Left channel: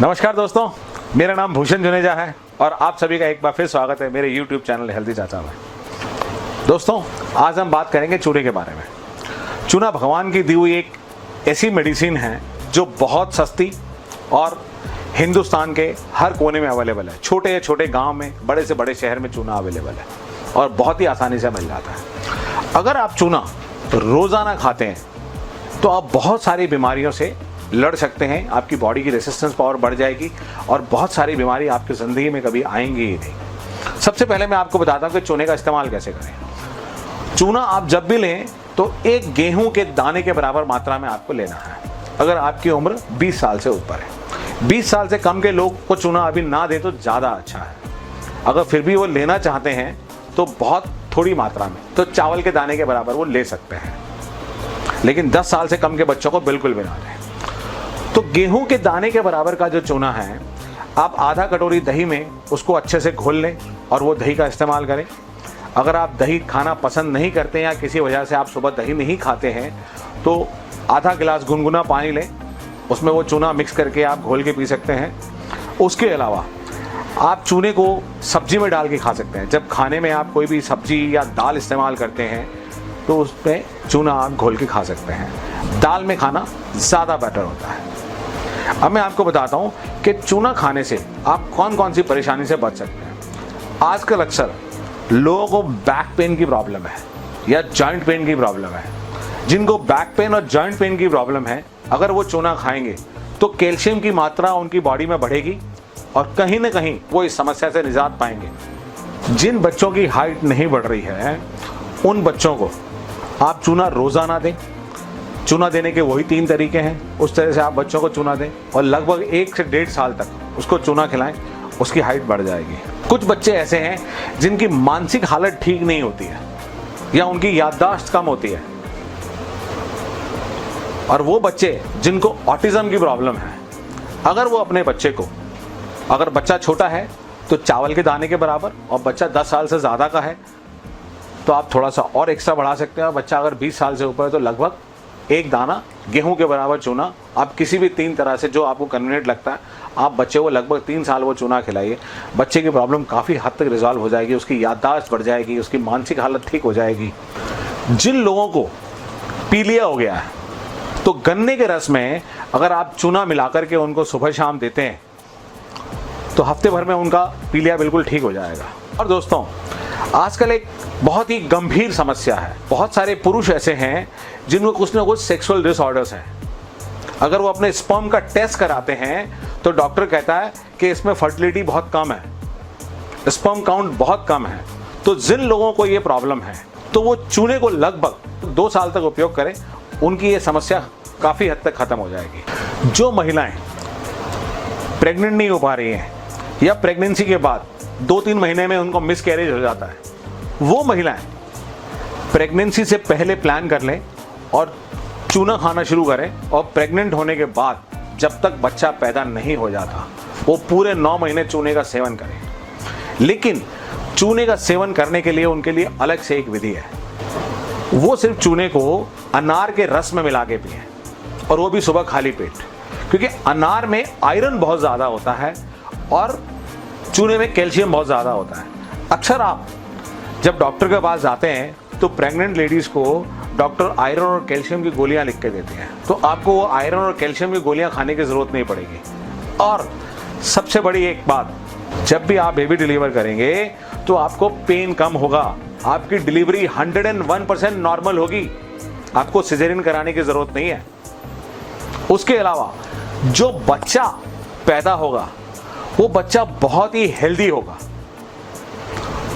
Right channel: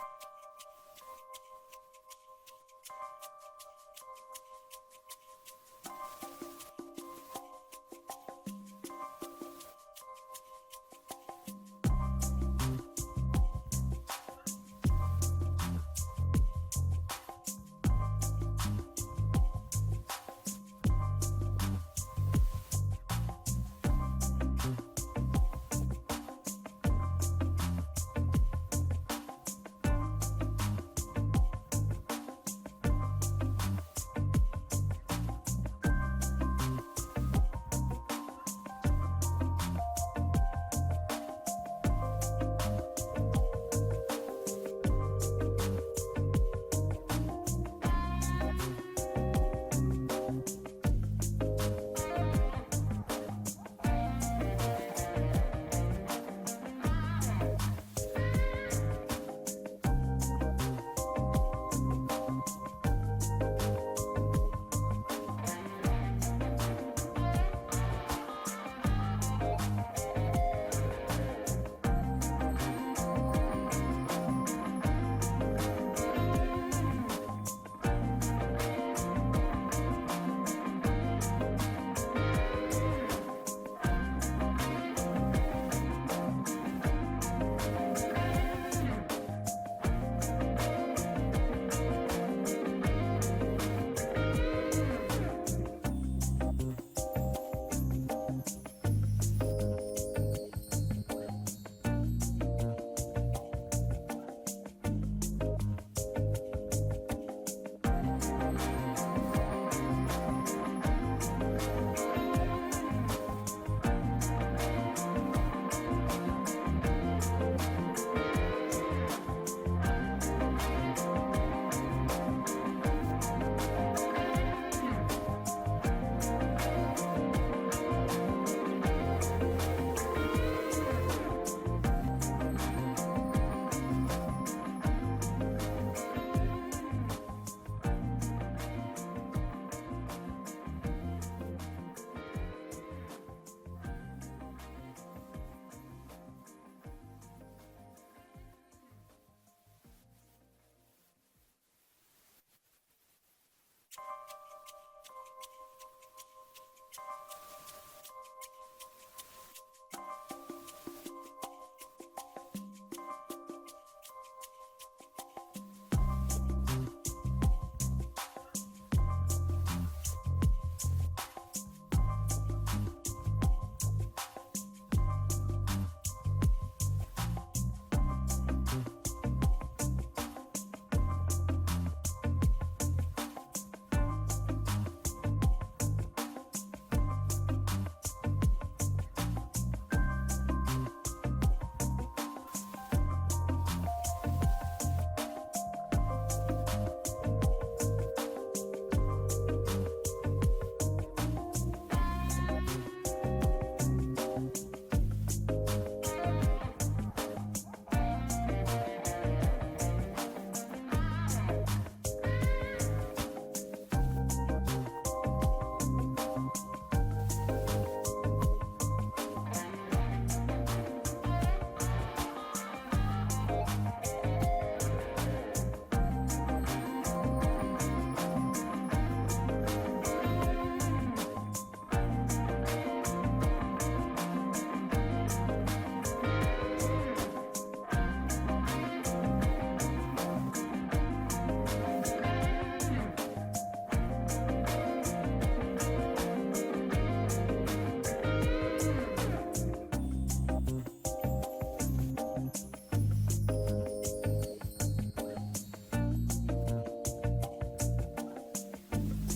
नमस्कार दोस्तों, मेरा नाम भूषण जुनेजा है और आप सभी का एक बार फिर स्वागत है मेरे YouTube चैनल हेल्दी चाचा में। दोस्तों, आज हम बात करेंगे चूने के बारे में। चूना भगवान की दी हुई एक ऐसी मेडिसिन है जो बहुत सस्ती और हिंदुस्तान के हर कोने में अवेलेबल है। छोटे या छोटे गांव में, बड़े से बड़े शहर में चूना अवेलेबल है और बहुत ही आसानी से मिल जाता है। अगर आप चूना रोज़ाना खाते हैं तो आप बहुत सारी बीमारियों से लड़ सकते हैं। आपकी बॉडी की रेसिस्टेंस पावर बढ़ जाएगी और बहुत सारी बीमारी आपकी ज़िंदगी में कभी आएंगी ही नहीं। सबसे पहले मैं आपको बताता हूँ कि चूने का इस्तेमाल कैसे करें। चूना आप जब भी लें तो एक गेहूं के दाने के बराबर मात्रा में आपको लेना है। अगर आपकी उम्र 20 साल से ऊपर है, 20 साल से कम के लोग को चूना अभी ना दे तो ज़्यादा अच्छा है। अगर फिर भी वो लेना चाहते हैं तो बहुत थोड़ी मात्रा में, तो चावल के दाने के बराबर वो ले सकते हैं, लेकिन 10 साल से कम के बच्चों को बिल्कुल भी ना दें। तो गेहूं के दाने के बराबर का जो चूना है, आप आधा कटोरी दही में उसको अच्छे से घोल लें और वो दही का इस्तेमाल करें। अगर आप दही खाना पसंद नहीं करते या किसी वजह से आप सुबह दही नहीं खाते हैं तो आधा गिलास गुनगुना पानी लें, उसमें वो चूना मिक्स करके आप घोल के पी सकते हैं। उसके अलावा आप चूने को सब्जी में डाल के खा सकते हैं। जब खाने में आप कोई भी सब्जी या दाल इस्तेमाल करते हैं तो उसमें चूना आप घोल के खा सकते हैं। दाल में खाना ज़्यादा बेटर होता है। अब मैं आपको बताता हूँ कि चूना खाने से आप कौन कौन सी परेशानी से बच सकते हैं। आजकल अक्सर लोगों को बैक पेन की प्रॉब्लम है या जॉइंट पेन की प्रॉब्लम है। जिनको बैक पेन और जॉइंट पेन की प्रॉब्लम है, अगर वो चूना खाएंगे तो कैल्शियम की मात्रा उनकी बॉडी में बढ़ेगी और कहीं ना कहीं वो इस समस्या से निजात पाएंगे। जिन बच्चों की हाइट नहीं बढ़ रही है उन बच्चों को आप चूना रोजाना दें। चूना देने के वही 3 तरीके हैं, उस तरह से आप बच्चों को चूना दें और लगभग 1 से 1.5 साल तक उसको चूना खिलाएं, उसकी हाइट बढ़ जाएगी। कुछ बच्चे ऐसे हैं जिनकी मानसिक हालत ठीक नहीं होती है या उनकी याददाश्त कम होती है, और वो बच्चे जिनको ऑटिज्म की प्रॉब्लम है, अगर वो अपने बच्चे को, अगर बच्चा छोटा है तो चावल के दाने के बराबर और बच्चा 10 साल से ज़्यादा का है तो आप थोड़ा सा और एक्स्ट्रा बढ़ा सकते हैं। और बच्चा अगर 20 साल से ऊपर है तो लगभग 1 दाना गेहूं के बराबर चूना आप किसी भी 3 तरह से जो आपको कन्वीनियंट लगता है, आप बच्चे को लगभग 3 साल वो चूना खिलाइए। बच्चे की प्रॉब्लम काफ़ी हद तक रिजॉल्व हो जाएगी, उसकी याददाश्त बढ़ जाएगी, उसकी मानसिक हालत ठीक हो जाएगी। जिन लोगों को पीलिया हो गया है तो गन्ने के रस में अगर आप चूना मिलाकर के उनको सुबह शाम देते हैं तो हफ्ते भर में उनका पीलिया बिल्कुल ठीक हो जाएगा। और दोस्तों, आजकल एक बहुत ही गंभीर समस्या है। बहुत सारे पुरुष ऐसे हैं जिनको कुछ ना कुछ सेक्सुअल डिसऑर्डर्स हैं। अगर वो अपने स्पर्म का टेस्ट कराते हैं तो डॉक्टर कहता है कि इसमें फर्टिलिटी बहुत कम है, स्पर्म काउंट बहुत कम है। तो जिन लोगों को ये प्रॉब्लम है तो वो चूने को लगभग 2 साल तक उपयोग करें, उनकी ये समस्या काफ़ी हद तक ख़त्म हो जाएगी। जो महिलाएं प्रेग्नेंट नहीं हो पा रही हैं या प्रेगनेंसी के बाद 2-3 महीने में उनको मिसकैरेज हो जाता है, वो महिलाएं प्रेगनेंसी से पहले प्लान कर लें और चूना खाना शुरू करें और प्रेग्नेंट होने के बाद जब तक बच्चा पैदा नहीं हो जाता वो पूरे 9 महीने चूने का सेवन करें। लेकिन चूने का सेवन करने के लिए उनके लिए अलग से एक विधि है। वो सिर्फ चूने को अनार के रस में मिला के पिए और वो भी सुबह खाली पेट, क्योंकि अनार में आयरन बहुत ज़्यादा होता है और चूने में कैल्शियम बहुत ज़्यादा होता है। अक्सर आप जब डॉक्टर के पास जाते हैं तो प्रेग्नेंट लेडीज़ को डॉक्टर आयरन और कैल्शियम की गोलियां लिख के देते हैं, तो आपको वो आयरन और कैल्शियम की गोलियां खाने की ज़रूरत नहीं पड़ेगी। और सबसे बड़ी एक बात, जब भी आप बेबी डिलीवर करेंगे तो आपको पेन कम होगा, आपकी डिलीवरी 101% नॉर्मल होगी, आपको सिजेरियन कराने की ज़रूरत नहीं है। उसके अलावा जो बच्चा पैदा होगा वो बच्चा बहुत ही हेल्दी होगा।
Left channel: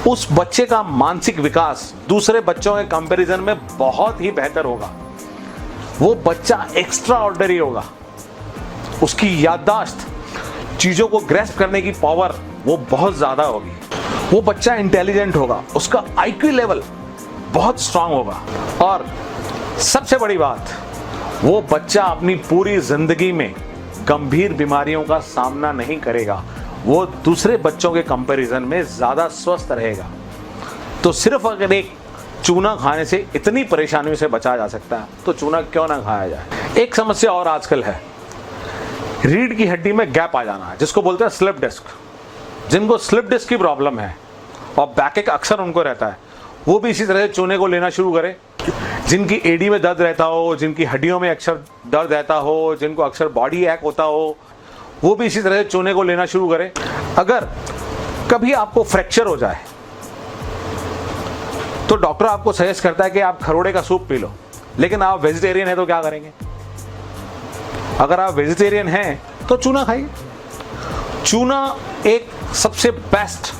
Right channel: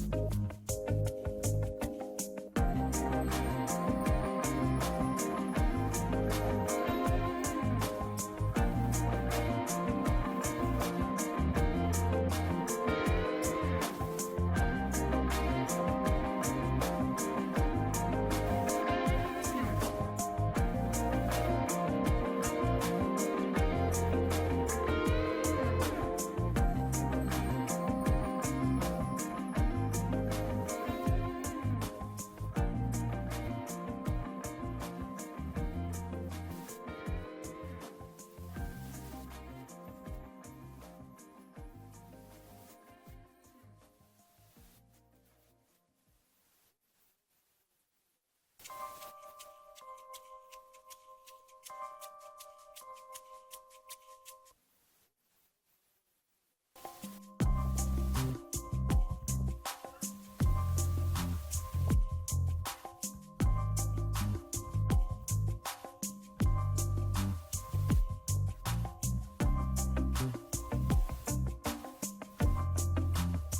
उस बच्चे का मानसिक विकास दूसरे बच्चों के कंपैरिजन में बहुत ही बेहतर होगा। वो बच्चा एक्स्ट्रा ऑर्डिनरी होगा, उसकी याददाश्त, चीजों को ग्रैस्प करने की पावर वो बहुत ज्यादा होगी। वो बच्चा इंटेलिजेंट होगा, उसका आईक्यू लेवल बहुत स्ट्रांग होगा। और सबसे बड़ी बात, वो बच्चा अपनी पूरी जिंदगी में गंभीर बीमारियों का सामना नहीं करेगा, वो दूसरे बच्चों के कंपैरिजन में ज़्यादा स्वस्थ रहेगा। तो सिर्फ अगर एक चूना खाने से इतनी परेशानियों से बचा जा सकता है तो चूना क्यों ना खाया जाए। एक समस्या और आजकल है रीढ़ की हड्डी में गैप आ जाना, जिसको बोलते हैं स्लिप डिस्क। जिनको स्लिप डिस्क की प्रॉब्लम है और बैकएक अक्सर उनको रहता है, वो भी इसी तरह से चूने को लेना शुरू करें। जिनकी एडी में दर्द रहता हो, जिनकी हड्डियों में अक्सर दर्द रहता हो, जिनको अक्सर बॉडी एक होता हो, वो भी इसी तरह से चूने को लेना शुरू करें। अगर कभी आपको फ्रैक्चर हो जाए तो डॉक्टर आपको सजेस्ट करता है कि आप खरोड़े का सूप पी लो, लेकिन आप वेजिटेरियन है तो क्या करेंगे? अगर आप वेजिटेरियन हैं तो चूना खाइए। चूना एक सबसे बेस्ट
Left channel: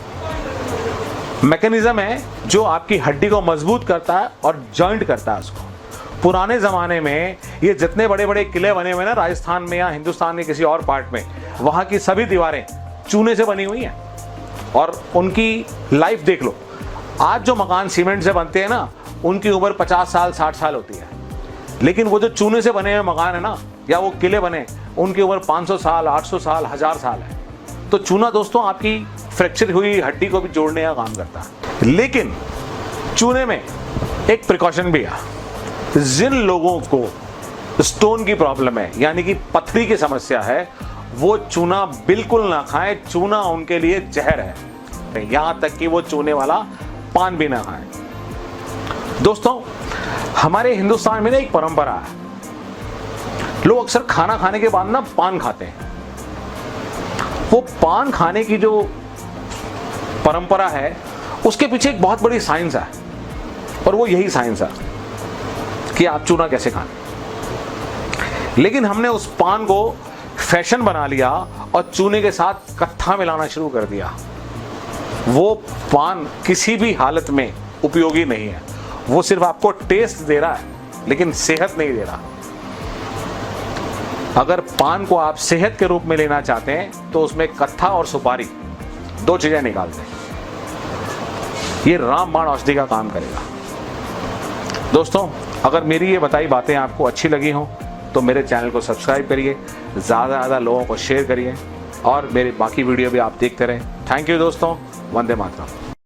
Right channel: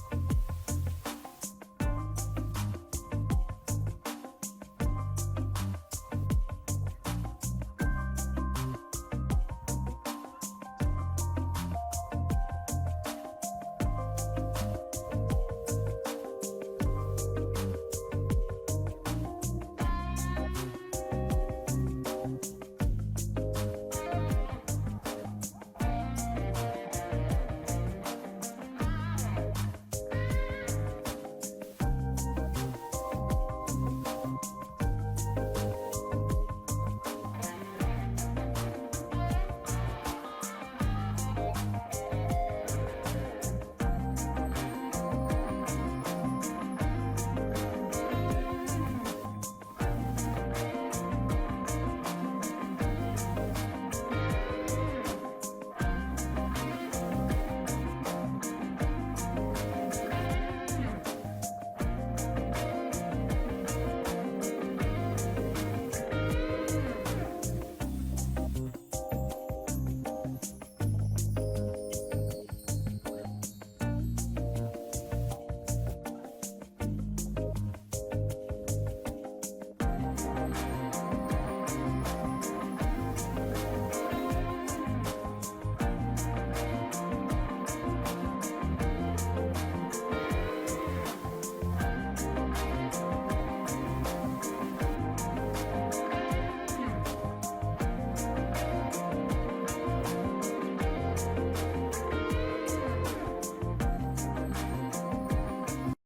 मैकेनिज्म है जो आपकी हड्डी को मजबूत करता है और जॉइंट करता है उसको। पुराने जमाने में ये जितने बड़े बड़े किले बने हुए ना राजस्थान में या हिंदुस्तान के किसी और पार्ट में, वहां की सभी दीवारें चूने से बनी हुई हैं और उनकी लाइफ देख लो। आज जो मकान सीमेंट से बनते हैं ना, उनकी उम्र 50 साल 60 साल होती है, लेकिन वो जो चूने से बने हुए मकान है ना, या वो किले बने, उनकी उम्र 500 साल 800 साल 1000 साल है। तो चूना दोस्तों आपकी फ्रैक्चर हुई हड्डी को भी जोड़ने का काम करता है। लेकिन चूने में एक प्रिकॉशन भी है। जिन लोगों को स्टोन की प्रॉब्लम है, यानी कि पथरी की समस्या है, वो चूना बिल्कुल ना खाएं। चूना उनके लिए जहर है, यहां तक कि वो चूने वाला पान भी ना खाएं। दोस्तों, हमारे हिंदुस्तान में ना एक परंपरा है, लोग अक्सर खाना खाने के बाद ना पान खाते हैं। वो पान खाने की जो परंपरा है, उसके पीछे एक बहुत बड़ी साइंस है, और वो यही साइंस है कि आप चूना कैसे खाएं। लेकिन हमने उस पान को फैशन बना लिया और चूने के साथ कत्था मिलाना शुरू कर दिया। वो पान किसी भी हालत में उपयोगी नहीं है, वो सिर्फ आपको टेस्ट दे रहा है लेकिन सेहत नहीं दे रहा। अगर पान को आप सेहत के रूप में लेना चाहते हैं तो उसमें कत्था और सुपारी 2 चीजें निकाल दें। ये रामबाण औषधि का काम करेगा। दोस्तों, अगर मेरी ये बताई बातें आपको अच्छी लगी हो तो मेरे चैनल को सब्सक्राइब करिए, ज़्यादा से ज़्यादा लोगों को शेयर करिए और मेरे बाकी वीडियो भी आप देखते रहें। थैंक यू दोस्तों, वंदे मातरम।